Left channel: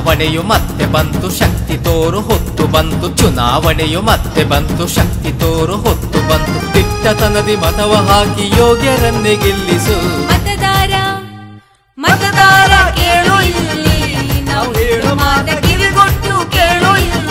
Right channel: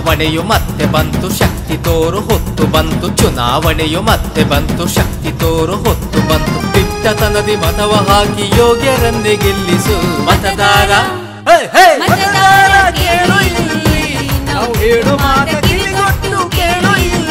ಚುನಾವಣೆಯು ಮತ್ತೆ ಬಂತು ಶಕ್ತಿ ತೋರು ಹೊತ್ತು ಬಂತು ಚುನಾವಣೆಯು ಮತ್ತೆ ಬಂತು ಶಕ್ತಿ ತೋರು ಹೊತ್ತು ಬಂತು ದಿಟ್ಟತನದಿ ಮತವ ಹಾಕಿ ಯೋಗ್ಯರನ್ನೇ ಗೆಲ್ಲಿಸು ಮತದಾರ ಮತದಾರ ಕೇಳು ಇಲ್ಲಿ ನಾವು ಹೇಳು ಮಾತೆ ಕಿವಿಗೊಟ್ಟು ಕೇಳು ಇಲ್ಲಿ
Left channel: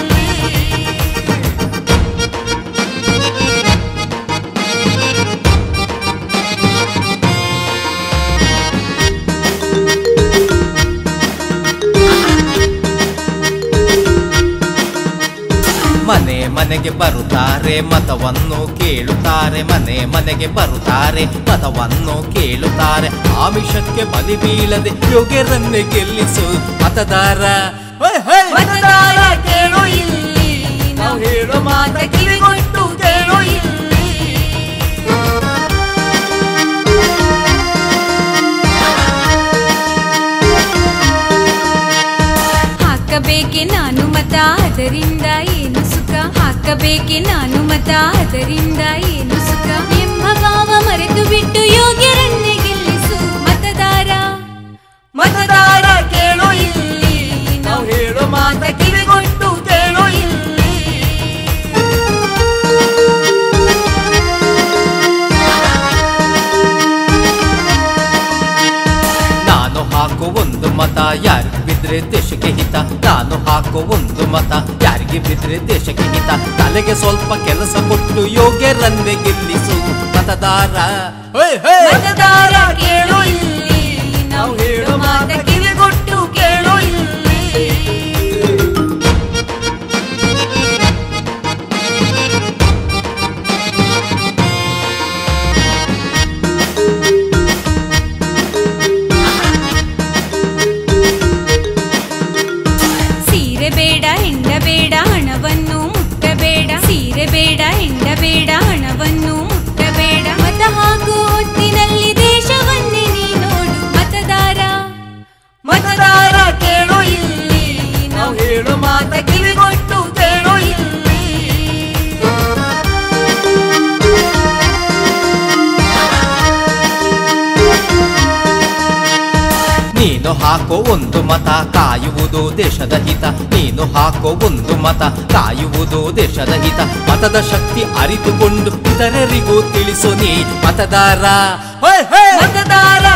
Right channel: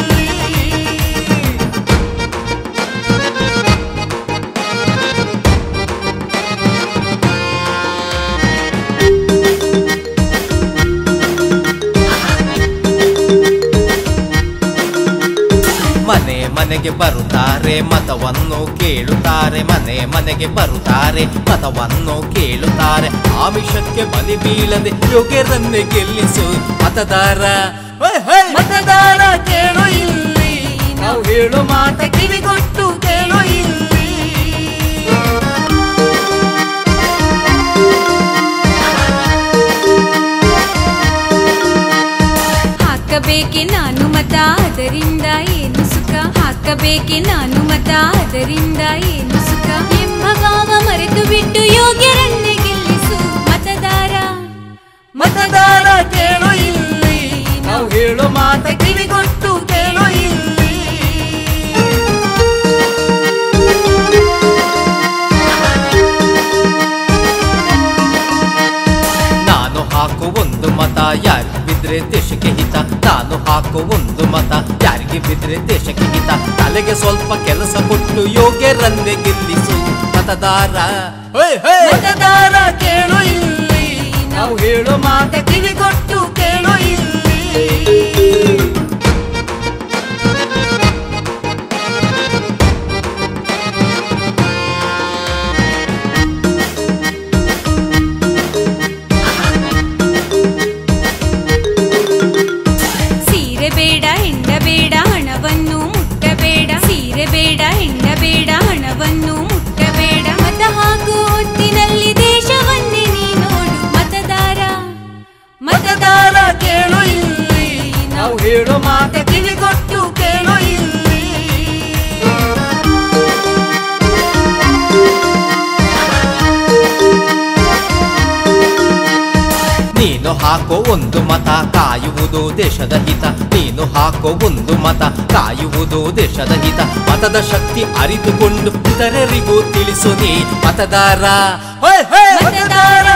ಮನೆ ಮನೆಗೆ ಬರುತ್ತಾರೆ ಮತವನ್ನು ಕೇಳುತ್ತಾರೆ ಮನೆ ಮನೆಗೆ ಬರುತ್ತಾರೆ ಮತವನ್ನು ಕೇಳುತ್ತಾರೆ ಆಮಿಷಕ್ಕೆ ಬಲಿ ಬೀಳದೆ ಯೋಗ್ಯರನ್ನೇ ಗೆಲ್ಲಿಸು ಮತದಾರ ಮತದಾರ ಕೇಳು ಇಲ್ಲಿ ನಾವು ಹೇಳು ಮಾತೆ ಕಿವಿಗೊಟ್ಟು ಕೇಳು ಇಲ್ಲಿ ಹಾಕಬೇಕೆ ನಾನು ಮತ ಅದರಿಂದ ಏನು ಸುಖ ಹಾಕಬೇಕೆ ನಾನು ಮತ ಅದರಿಂದ ಏನು ಸುಖ ಎಂಬ ಭಾವ ಮರೆತು ಬಿಟ್ಟು ಯೋಗ್ಯರನ್ನೇ ಗೆಲ್ಲಿಸು ಮತದಾರ ಮತದಾರ ಕೇಳು ಇಲ್ಲಿ ನಾವು ಹೇಳು ಮಾತೆ ಕಿವಿಗೊಟ್ಟು ಕೇಳು ಇಲ್ಲಿ ನಾನು ಹಾಕೋ ಒಂದು ಮತ ಯಾರಿಗೆ ಬಿದ್ರೆ ದೇಶಕ್ಕೆ ಹಿತ ನಾನು ಹಾಕೋ ಒಂದು ಮತ ಯಾರಿಗೆ ಬಿದ್ರೆ ದೇಶಕ್ಕೆ ಹಿತ ತಲೆಗೆ ಸ್ವಲ್ಪ ಕೆಲಸ ಕೊಟ್ಟು ಯೋಗ್ಯರನ್ನೇ ಗೆಲ್ಲಿಸು ಮತದಾರ ಮತದಾರ ಕೇಳು ಇಲ್ಲಿ ನಾವು ಹೇಳು ಮಾತೆ ಕಿವಿಗೊಟ್ಟು ಕೇಳು ಇಲ್ಲಿ ಸೀರೆ ಬೇಡ ಹೆಂಡ ಬೇಡ ಹಣವನ್ನು ಮುಟ್ಟಬೇಡ ಸೀರೆ ಬೇಡ ಹೆಂಡ ಬೇಡ ಹಣವನ್ನು ಮುಟ್ಟಬೇಡ ಮತ ಹಾಕುವ ಹೊತ್ತಿನಲ್ಲಿ ದೇಶವನ್ನೇ ನೀ ನೋಡು ಮತದಾರ ಮತದಾರ ಕೇಳು ಇಲ್ಲಿ ನಾವು ಹೇಳು ಮಾತೆ ಕಿವಿಗೊಟ್ಟು ಕೇಳು ಇಲ್ಲಿ ನೀನು ಹಾಕೋ ಒಂದು ಮತ ಕಾಯುವುದು ದೇಶದ ಹಿತ ನೀನು ಹಾಕೋ ಒಂದು ಮತ ಕಾಯುವುದು ದೇಶದ ಹಿತ ಮತದ ಶಕ್ತಿ ಅರಿತುಕೊಂಡು ಇತರರಿಗೂ ತಿಳಿಸು ನೀ ಮತದಾರ ಮತದಾರ